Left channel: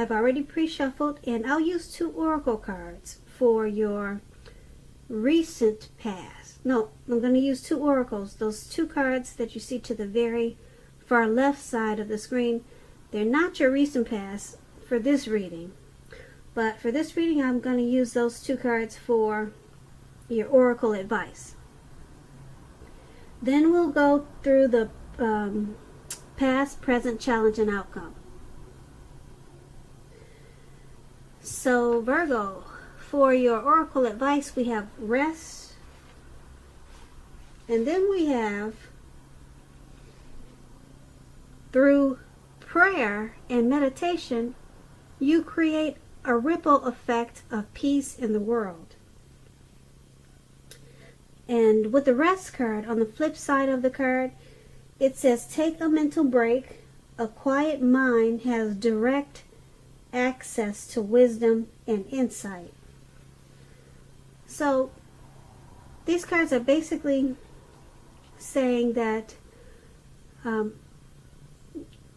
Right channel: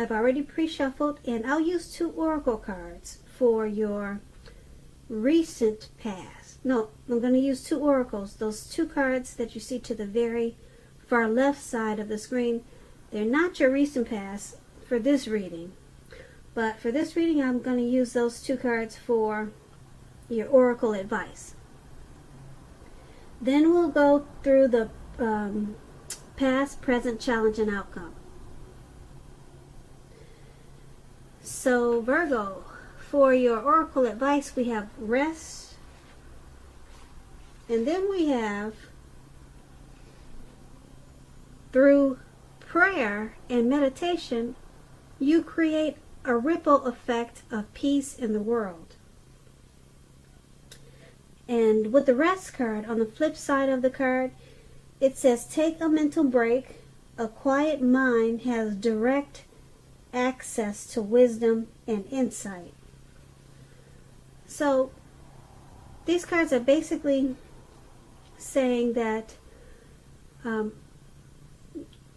I've already pre-shuffled, and I'll use 2 oracle cards for your recent past. No, I'm going to use 2 oracles. Those 2 cards that you see to the very far left side of the screen, they're not your recent past for this reading. But for this reading, I'm going to use those 2 cards for your oracle advice. Then we'll go through the past, present, challenge, and outcome. So Virgo, for your oracle advice, we have rest, and then we have through prayer and meditation, you create a ripple effect of peace in the world. And with the rest card, on the flip side of the card, it says take a mental break. A quiet mind has direct access to wisdom and insight. So these cards are basically saying that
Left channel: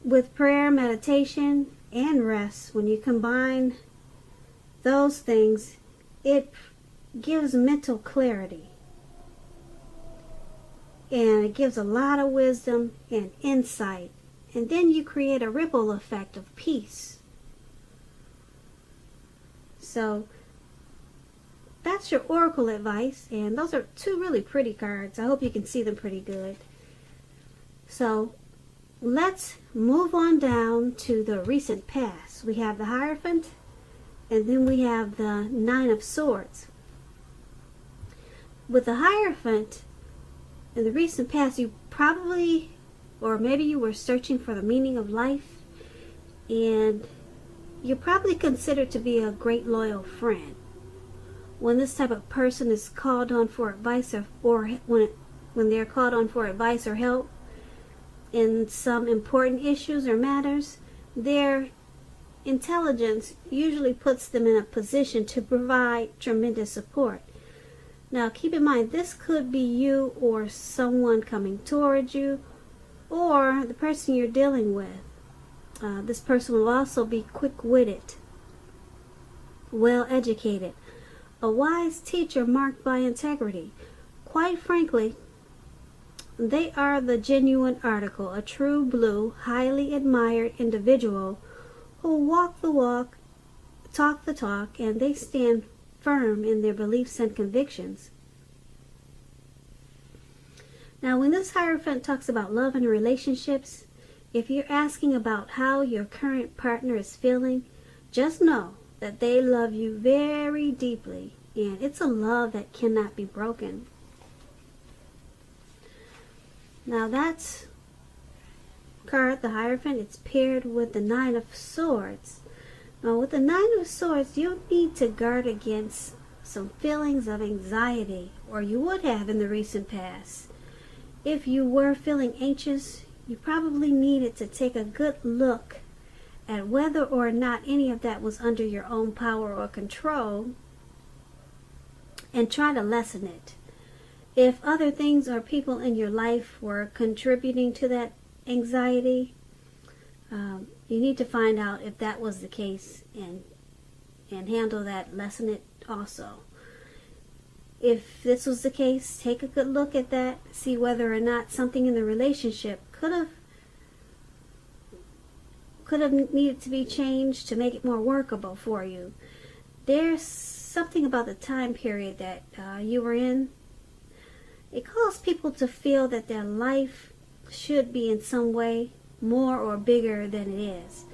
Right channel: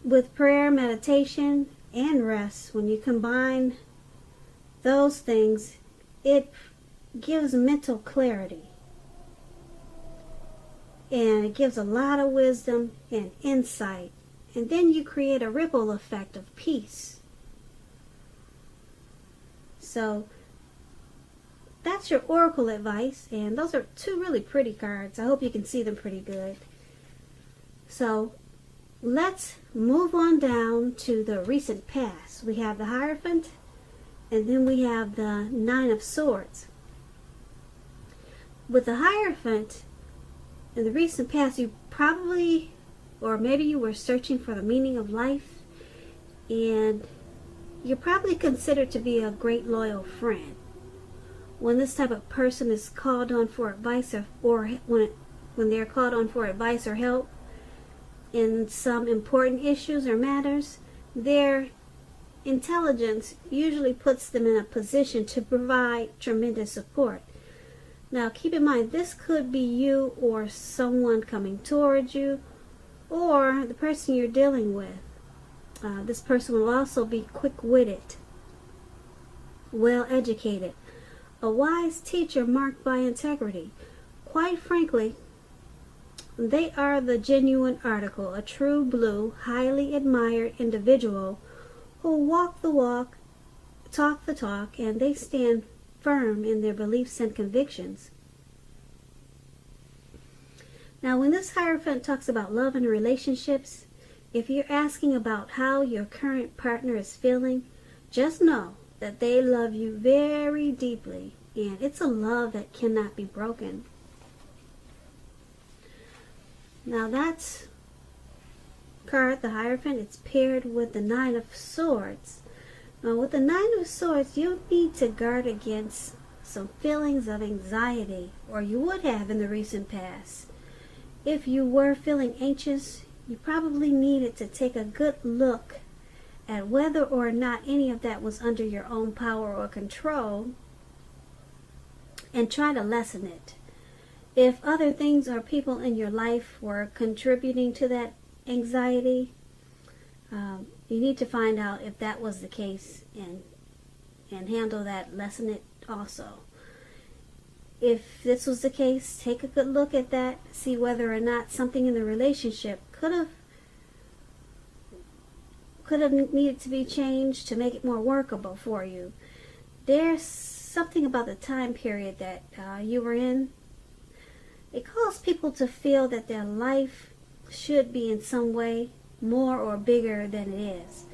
with prayer, meditation, and rest, when you combine those things, it gives mental clarity. And it gives a lot of wisdom and insight. And then you create a ripple effect of peace. So that's your oracle advice. And those are 2 really pretty cards. I hope you can see them pretty good. So let's move on down to the recent past. We have the Hierophant, and then we have the 9 of Swords. With the Hierophant, in the recent past, you probably, or maybe you were searching for the meaning of life, and you're probably considered to be a great loyal friend. When this type of person is called on for advice, or when they're called on for advice or help in some important issues or matters, their intelligence usually puts them in a position to provide tremendous support. Now, keep in mind, this could be you or someone coming towards you, or the person you're dealing with. This person will also be quick-witted, well-educated, a wise teacher marked by integrity. Quite frankly, they are the genuine article, a true blue, highly admired individual who walk the walk, talk the talk, and they stand firm in their beliefs and convictions. Now, when this Hierophant talks about love and relationships, if you're asking about how your current partner is feeling, just know that they love you very deeply, and it's a love that cannot be broken. Now, that's card, the Hierophant. It's paired with the 9 of Swords. Now, with the 9 of Swords, you need to guard against some feelings of anxiety, or you would have in the recent past. If you were feeling anxious, you probably needed to take a good look at whether or not any of that was under your own power or control, and try to lessen it. If other things or people in your life were contributing to that anxiety, you need to find out if that was the case and handle that, lessen it also. If this was the case, take a good look at that, see whether or not something in the relationship could have needed to be changed to make it more workable for you. There's something about the time period that you were in. It caused people to feel that their life should be in some way more or bigger than it is.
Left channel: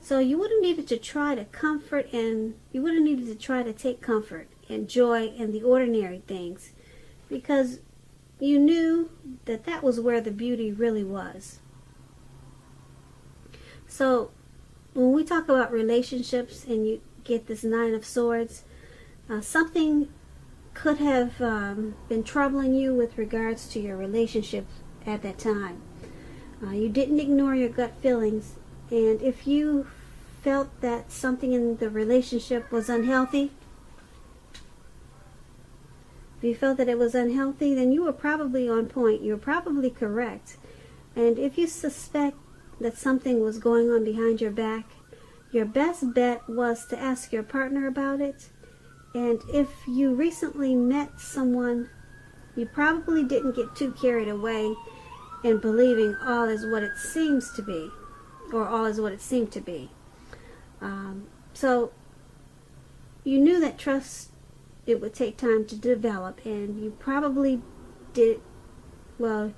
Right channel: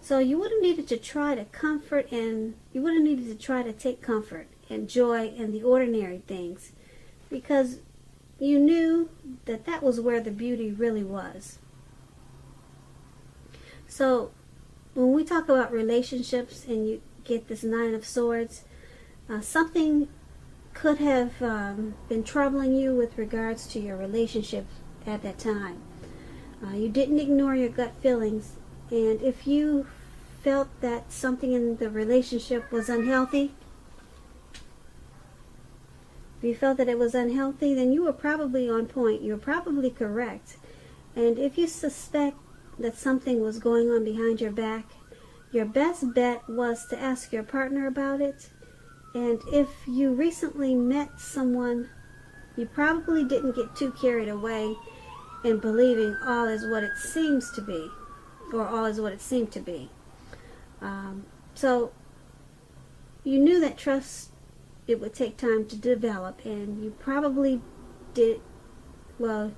So you would have needed to try to comfort, and you would have needed to try to take comfort and joy in the ordinary things, because you knew that that was where the beauty really was. So when we talk about relationships and you get this 9 of Swords, something could have been troubling you with regards to your relationship at that time. You didn't ignore your gut feelings, and if you felt that something in the relationship was unhealthy, if you felt that it was unhealthy, then you were probably on point. You were probably correct. And if you suspect that something was going on behind your back, your best bet was to ask your partner about it. And if you recently met someone, you probably didn't get too carried away in believing all is what it seems to be, or all is what it seemed to be. So you knew that trust, it would take time to develop, and you probably did, well,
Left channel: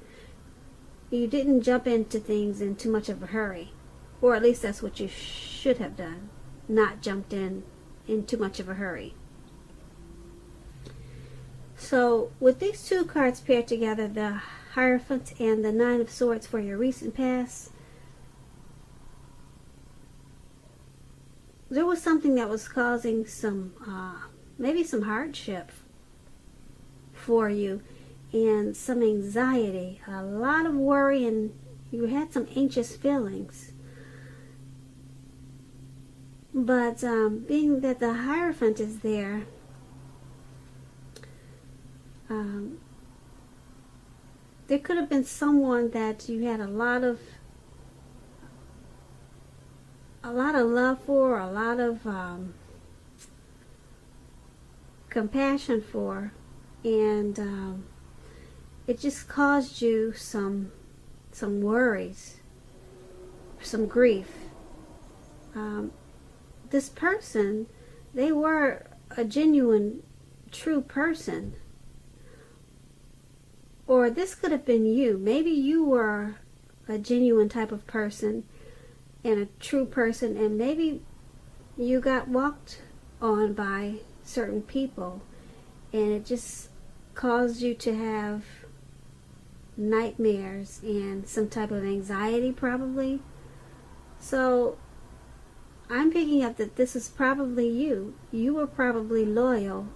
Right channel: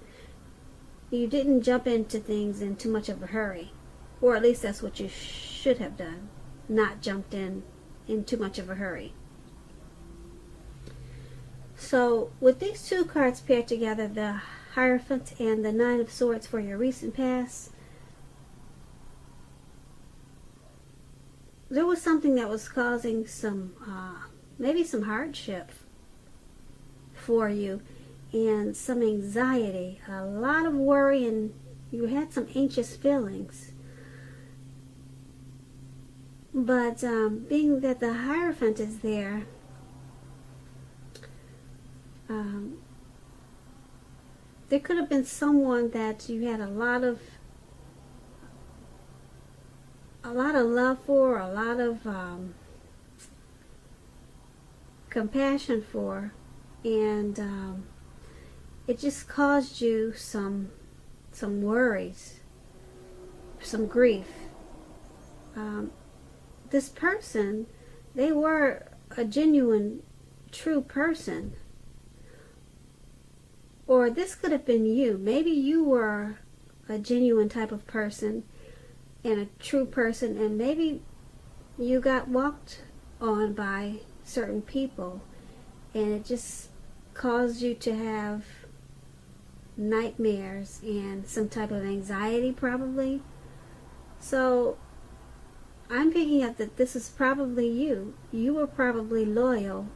you didn't jump into things in too much of a hurry. Or at least that's what you should have done. Not jumped in too much of a hurry. So with these two cards paired together, the Hierophant and the Nine of Swords for your recent past, there was something that was causing some, maybe some hardship for you and some anxiety, a lot of worry, and you had some anxious feelings. But being that the Hierophant is there, there could have been someone that you had a lot of love for, a lot of compassion for, and it just caused you some worries, some grief. This person, they were a genuine, true person. Or this could have been you. Maybe you were a genuine type of person and a true person, and maybe you got walked on by certain people, and it just caused you to have nightmares and some type of anxiety, probably. So I'm picking up that this is probably you. You were probably loyal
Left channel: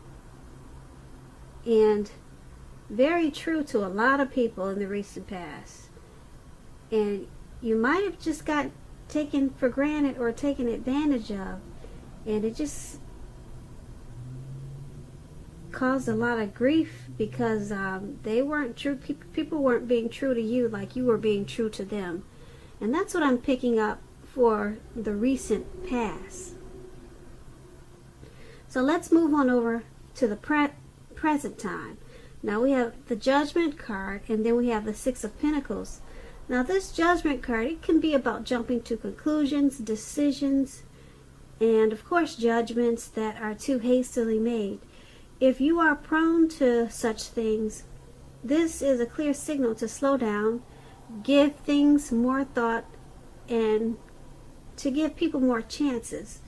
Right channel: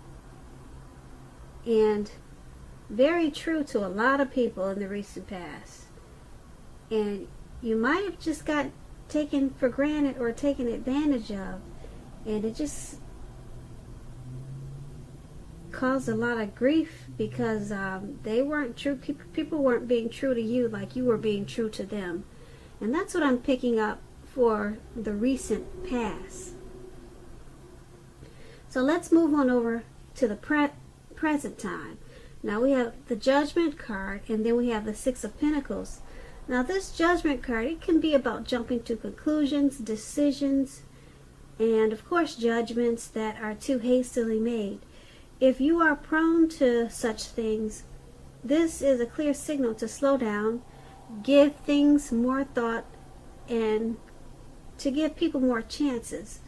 and very true to a lot of people in the recent past. And you might have just got taken for granted or taken advantage of. And it just caused a lot of grief because they weren't true. People weren't being true to you like you were being true to them. And that's what I'm picking up for the recent past. So let's move on over to the present time. Now we have the Judgment card, and then we have the Six of Pentacles. Now this Judgment card, it can be about jumping to conclusions, decisions, and of course judgments that are too hastily made. If you are prone to such things, this is a clear signal to slow down, give things more thought, and to give people more chances.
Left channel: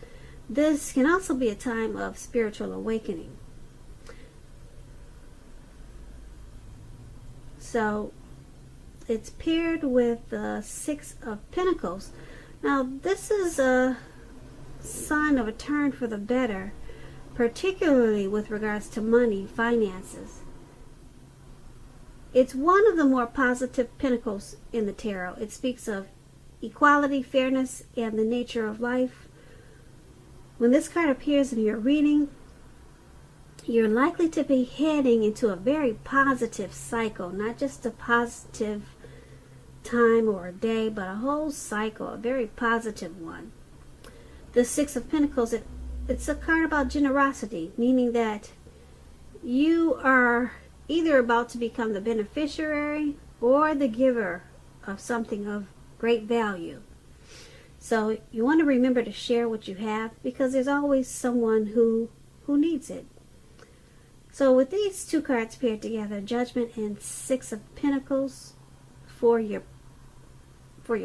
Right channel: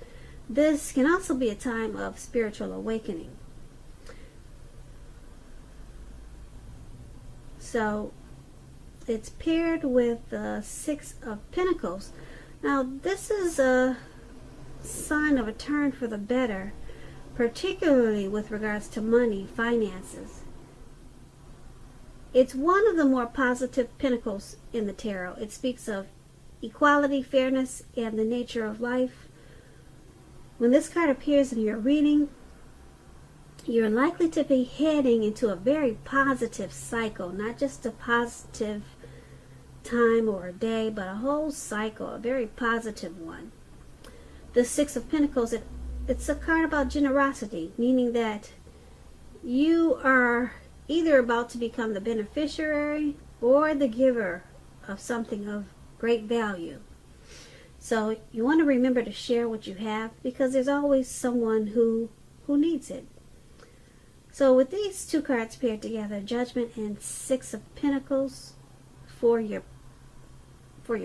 This can also be a time of spiritual awakening. So it's paired with the Six of Pentacles. Now this is a sign of a turn for the better, particularly with regards to money, finances. It's one of the more positive pentacles in the tarot. It speaks of equality, fairness, and the nature of life. When this card appears in your reading, you're likely to be heading into a very positive cycle, not just a positive time or a day, but a whole cycle, a very positive one. The Six of Pentacles, it's a card about generosity, meaning that you are either about to become the beneficiary or the giver of something of great value. So you want to remember to share what you have, because there's always someone who needs it. So with these two cards paired together, Judgment and Six of Pentacles for your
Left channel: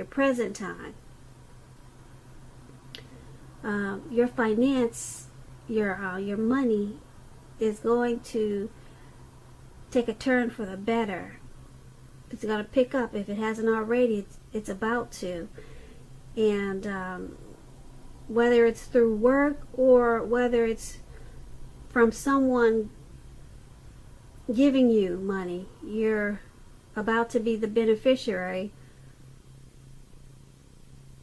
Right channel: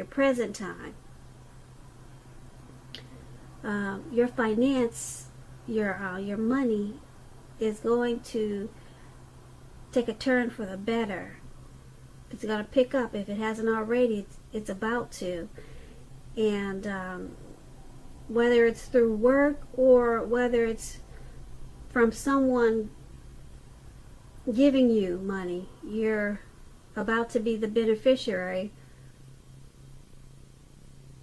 present time, your finance, your money is going to take a turn for the better. It's going to pick up. If it hasn't already, it's about to. And whether it's through work or whether it's from someone giving you money, you're about to be the beneficiary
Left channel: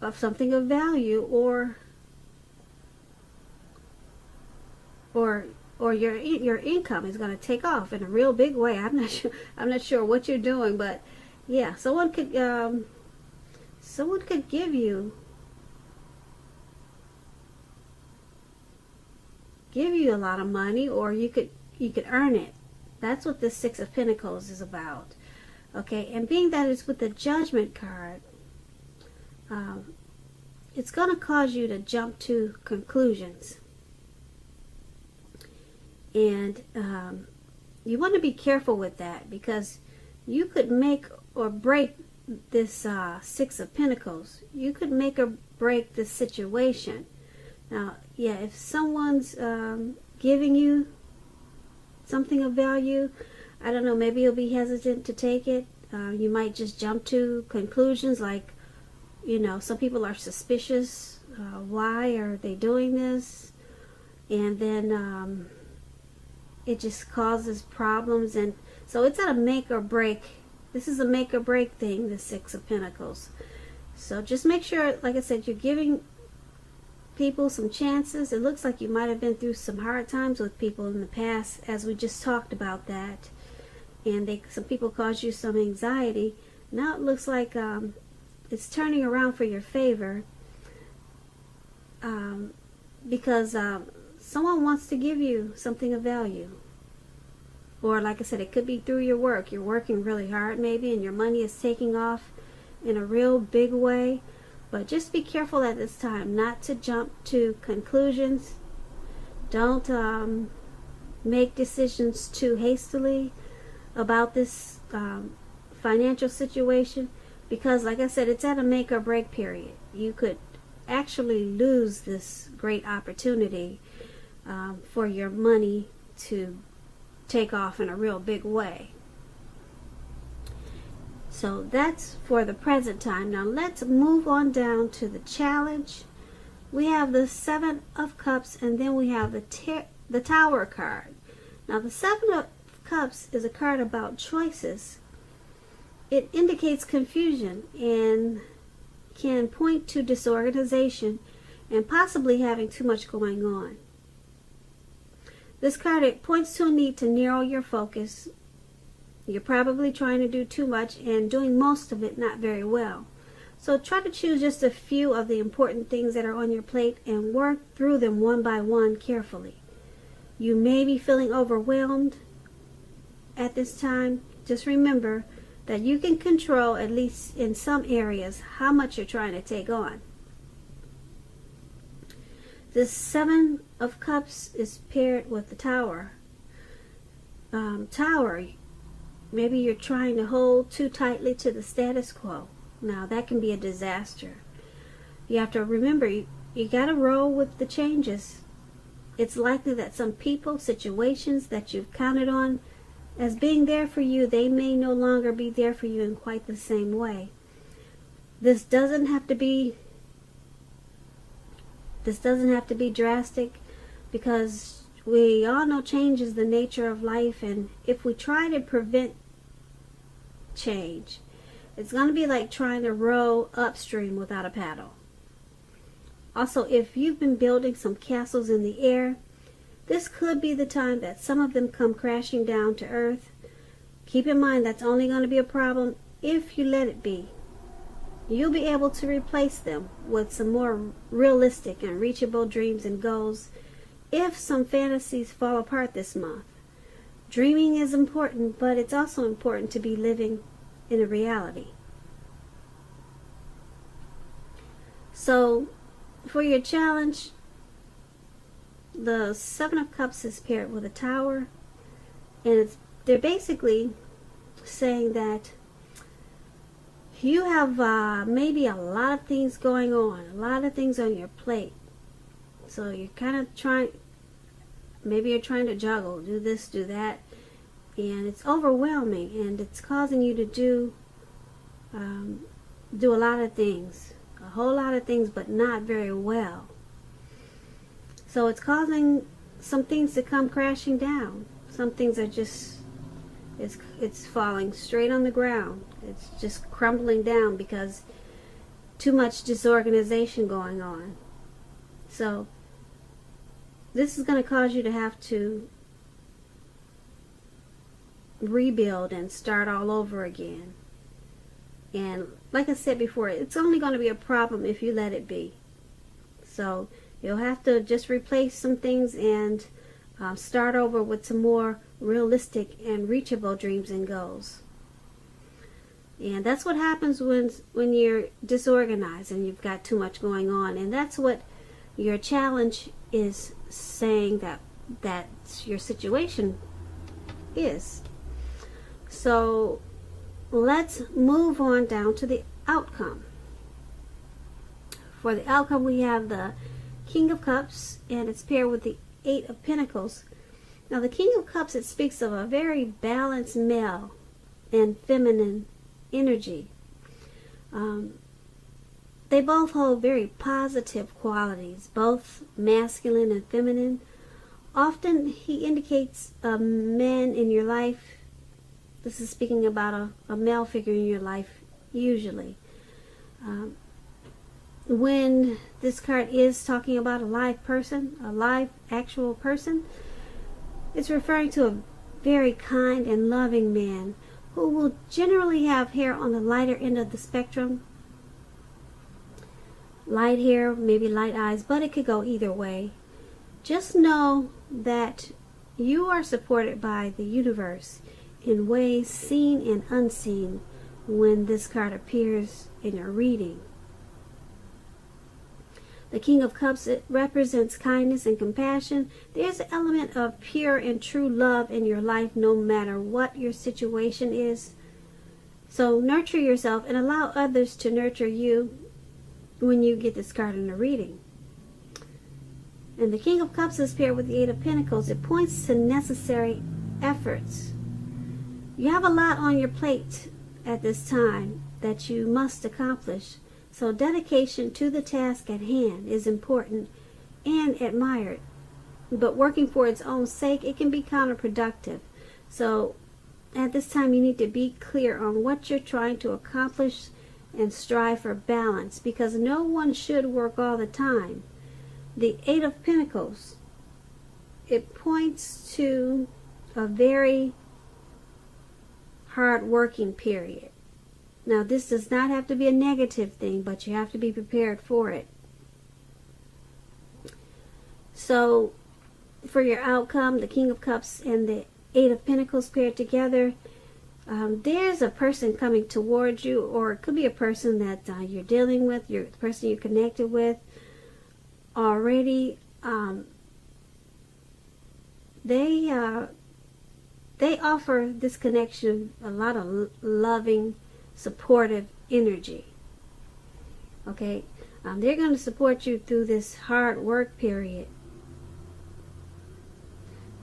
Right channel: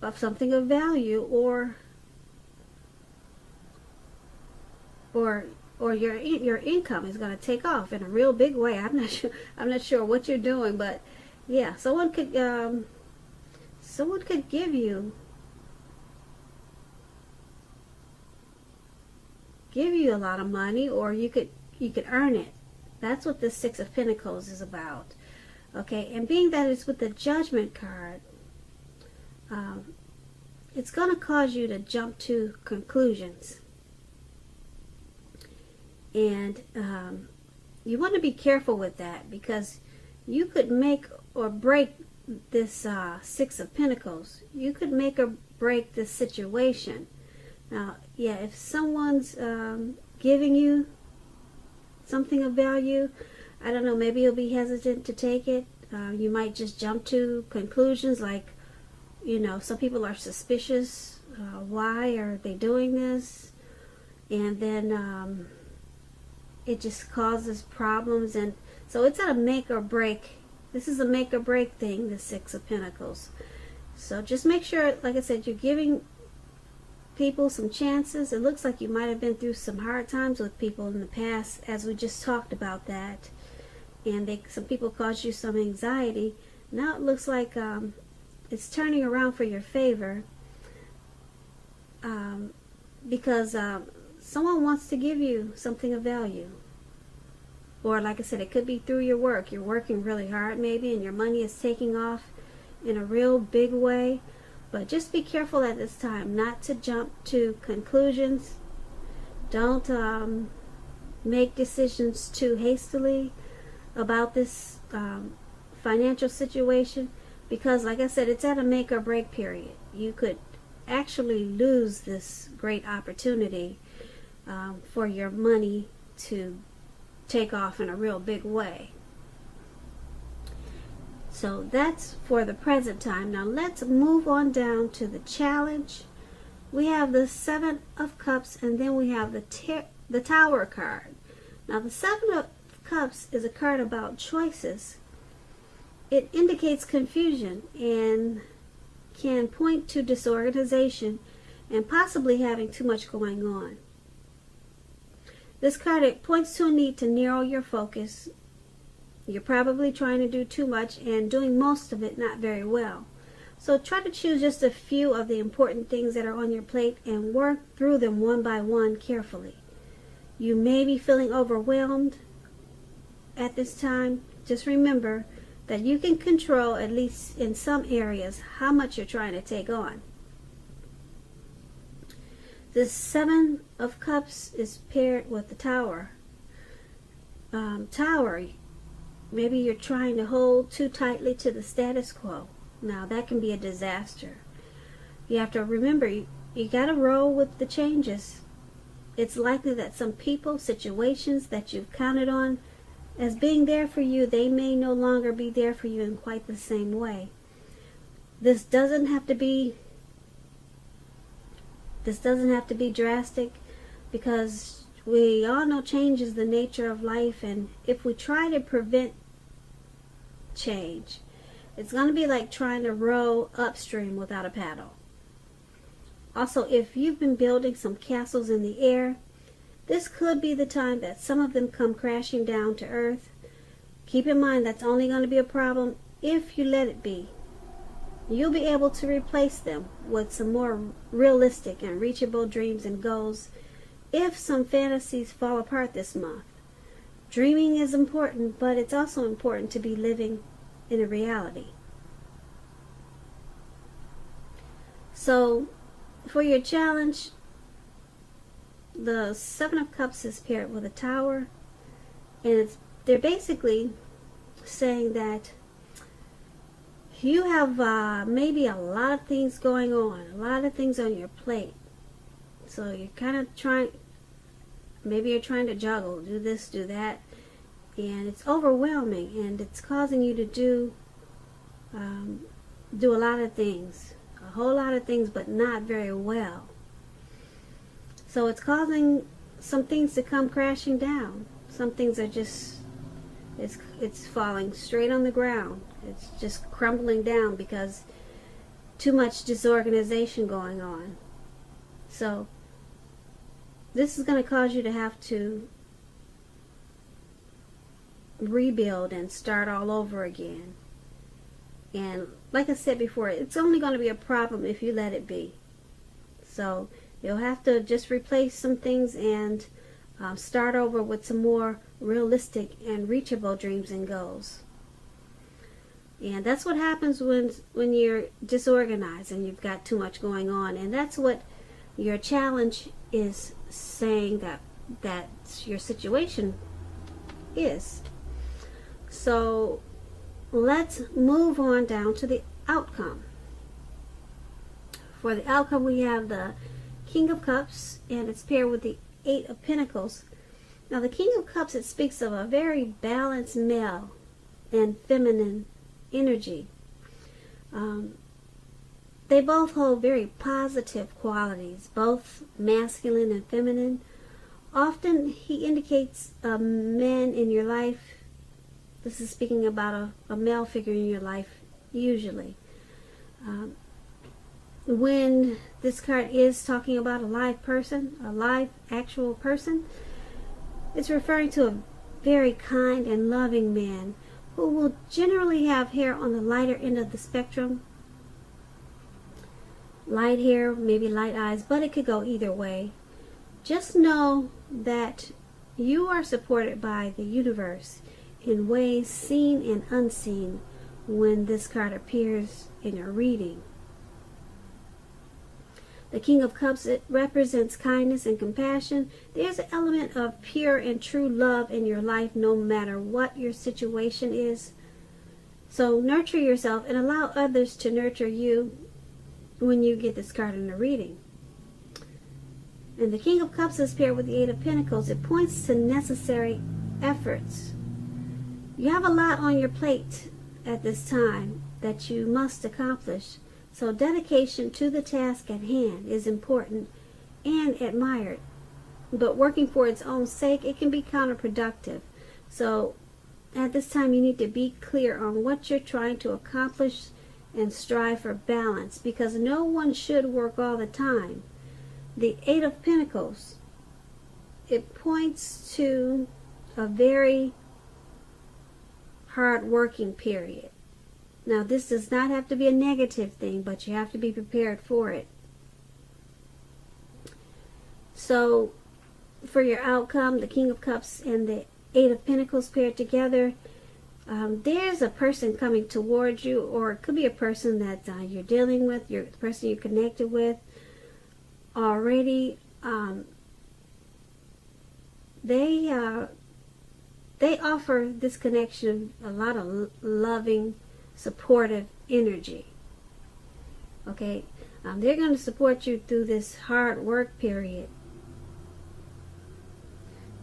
of something of value, or your income is going to take off in a real big way. I'm not sure what you're doing, but yeah, someone could give you give you a lot of money, or you could earn it. That's what this Six of Pentacles is about. Okay, and being that it's with the Judgment card, it's going to cause you to jump to conclusions. And you want to be careful with that, because you could make or break this Six of Pentacles. You could make or break this situation. Now, yeah, if someone's giving you something of value, I don't know, maybe you'll be hesitant to take it. You might just jump to conclusions like, you know, some people are suspicious. Why are they doing this? And then it just causes problems. And so it's a make or break. This is a make or break thing, the Six of Pentacles. So just make sure, like I said, you're giving people some chances. It looks like you might have been through some hard times with people in the past, as we just talked about that. And some people caused you some anxiety. Now it looks like it's turning around for your favor, because someone wants to give you something of value. Or like I said, it could be through your work. You're working really hard maybe, and your money is taking off in a real big way. But just be careful at this time not to jump to conclusions. Don't make decisions too hastily about this financial situation, because like I said, it's at a make or break period. You could actually lose this great opportunity for your money to take off in a real big way. So that's for the present time. Now let's move on down to the challenge. We have the Seven of Cups, and then we have the Tower card. Now the Seven of Cups is a card about choices. It indicates confusion and can point to disorganization and possibly having too much going on. This card, it points to a need to narrow your focus. You're probably trying to do too much and doing most of it not very well. So try to choose just a few of the important things that are on your plate and work through them one by one carefully. You may be feeling overwhelmed at this time. Just remember that you can control, at least in some areas, how much you're trying to take on. This Seven of Cups is paired with the Tower. Tower, maybe you're trying to hold too tightly to the status quo. Now that can be a disaster. You have to remember, you got to roll with the changes. It's likely that some people, situations that you've counted on as being there for you, they may no longer be there for you in quite the same way. This doesn't have to be drastic, because we all know change is the nature of life, and if we try to prevent change, it's going to be like trying to row upstream without a paddle. Also, if you've been building some castles in the air, this could be the time that some of them come crashing down to earth. Keep in mind that's only going to be a problem if you let it be. You'll be able to replace them with some more realistic and reachable dreams and goals if some fantasies fall apart this month. Dreaming is important, but it's also important to be living in a reality. So, for your challenge, the Seven of Cups is paired with a Tower, and they're basically saying that you have maybe a lot of things going on, a lot of things on your plate. So you're kind of maybe you're trying to juggle, do this, do that, and it's overwhelming, and it's causing you to do a lot of things, a whole lot of things, but not very well. So it's causing some things to come crashing down. Some things are just, it's falling straight on the ground. It's just crumbling down because too much disorganization going on. So this is going to cause you to have to rebuild and start all over again. And like I said before, it's only going to be a problem if you let it be. So You'll have to just replace some things and start over with some more realistic and reachable dreams and goals. And that's what happens when you're disorganized and you've got too much going on. And that's what your challenge is saying that your situation is. So let's move on down to the outcome. For the outcome, we have the King of Cups, and it's paired with the Eight of Pentacles. Now, the King of Cups, it speaks of a very balanced male and feminine energy. They both hold very positive qualities, both masculine and feminine. Often, he indicates men in your life. This is speaking about a male figure in your life, usually. When this card is talking about a live person, a live actual person, it's referring to a very kind and loving man who will generally have hair on the lighter end of the spectrum. Light hair, maybe light eyes, but it could go either way. Just know that you are supported by the universe in ways seen and unseen when this card appears in your reading. The King of Cups, it represents kindness and compassion. There's an element of pure and true love in your life no matter what your situation is. So nurture yourself and allow others to nurture you when you get this card in the reading. And the King of Cups is paired with the Eight of Pentacles. It points to necessary efforts. You have a lot on your plate at this time that you must accomplish. So dedication to the task at hand is important and admired. But working for its own sake, it can be counterproductive. So at this time, you need to be clear on what you're trying to accomplish and strive for balance, because no one should work all the time. The Eight of Pentacles, it points to a very hard working period. Now, this does not have to be a negative thing, but you have to be prepared for it. So, for your outcome, the King of Cups and the Eight of Pentacles paired together, there's a person coming towards you, or it could be a person that you're dealing with, the person you're connected with already. They offer this connection a lot of loving, supportive energy. Okay, they're going to support you through this hard work period,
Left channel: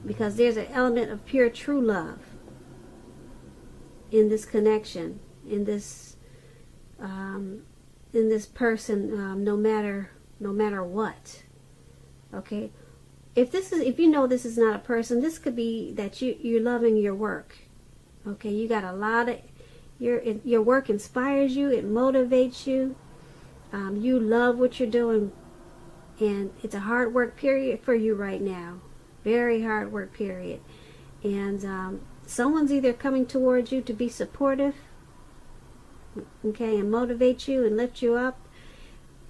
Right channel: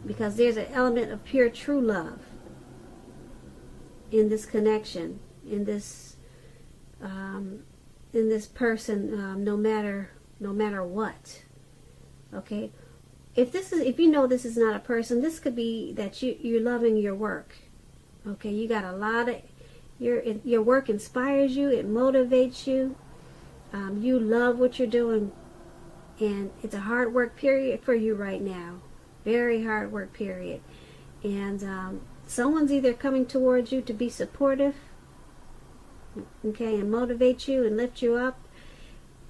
because there's an element of pure true love in this connection, in this person, no matter what. Okay, if you know this is not a person, this could be that you're loving your work. Okay, you got a lot of your work inspires you, it motivates you. You love what you're doing, and it's a hard work period for you right now. Very hard work period. And someone's either coming towards you to be supportive, okay, and motivate you and lift you up,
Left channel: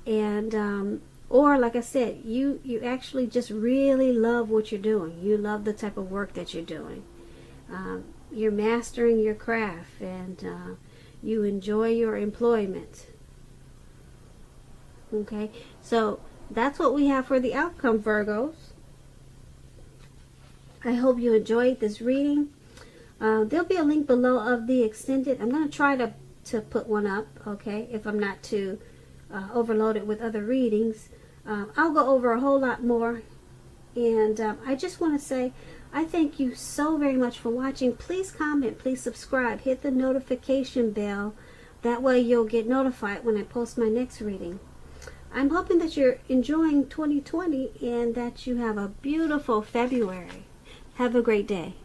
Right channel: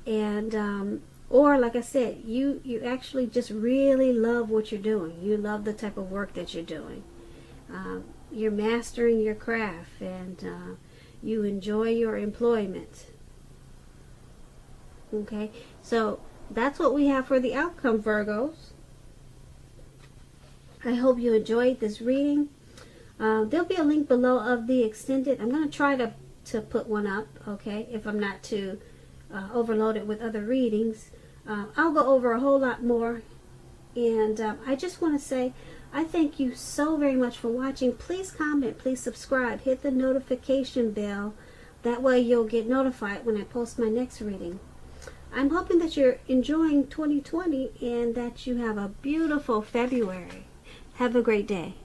and or like I said, you actually just really love what you're doing. You love the type of work that you're doing. You're mastering your craft, and you enjoy your employment. Okay, so that's what we have for the outcome, Virgos. I hope you enjoyed this reading. There'll be a link below of the extended. I'm going to try to put one up, okay, if I'm not too overloaded with other readings. I'll go over a whole lot more. And I just want to say, I thank you so very much for watching. Please comment, please subscribe, hit the notification bell. That way you'll get notified when I post my next reading. I'm hoping that you're enjoying 2020 and that you have a beautiful February. Have a great day.